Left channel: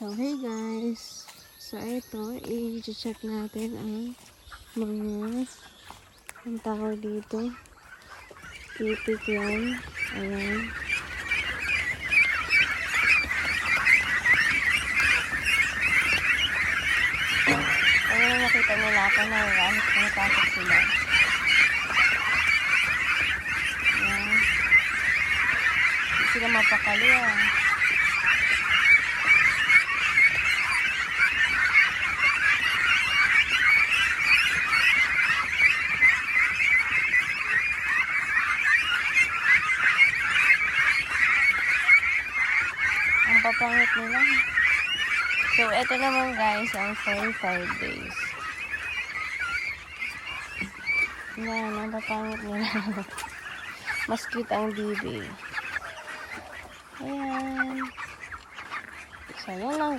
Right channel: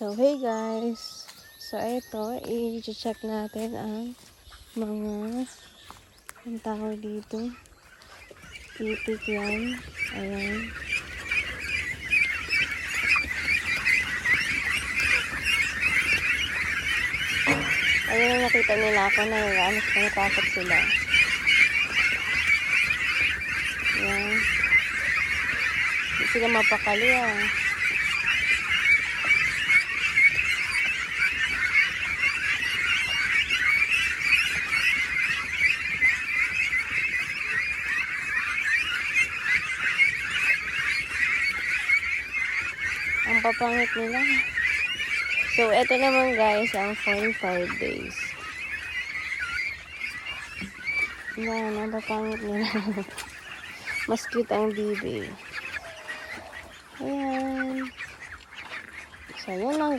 So, hey guys! So, ito, i-check natin ang mga ang tawag dito. Titik yan. Ayan. Ayan, nakita nila ako na yan. Nakapasok sila. Ayan. Hindi sila mapakali yan. Ang papangit nila. So, ito naman guys, ang sunny 5 days. Ayan, ang papangit nila. Mas cute ang bibi. Ayan. So, yun lang.